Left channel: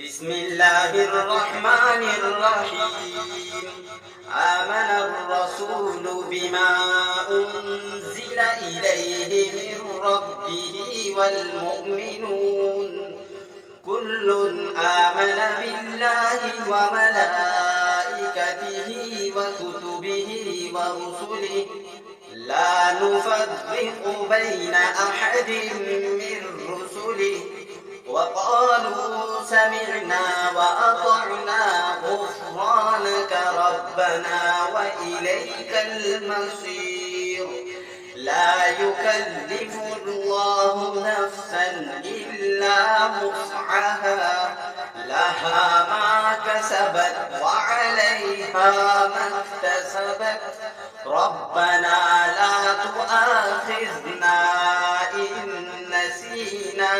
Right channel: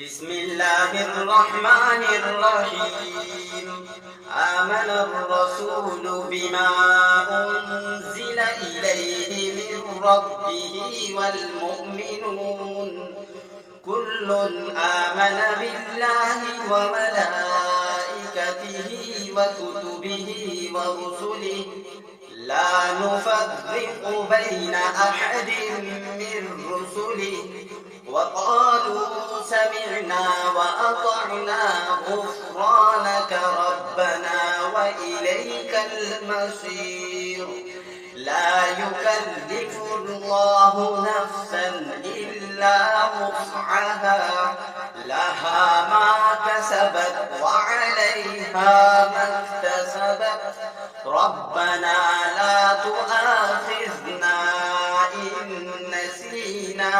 बिस्मिल्लाहिर रहमानिर रहीम। आमनर रसूलु बिमा उन्ज़िला इलैहि मिर रब्बिही वल मुअ्मिनून कुल्लुन आमना बिल्लाहि व मलाइकतिही व कुतुबिही व रुसुलिही ला नुफ़र्रिक़ु बैन अहदिन मिर रुसुलिही वक़ालू समिअना वअतअना गुफ़्रानक रब्बना व इलैकल मसीर। ला युकल्लिफुल्लाहु नफ्सन इल्ला वुस्अहा लहा मा कसबत व अलैहा मक्तसबत रब्बना ला तुआखिज़ना इन नसीना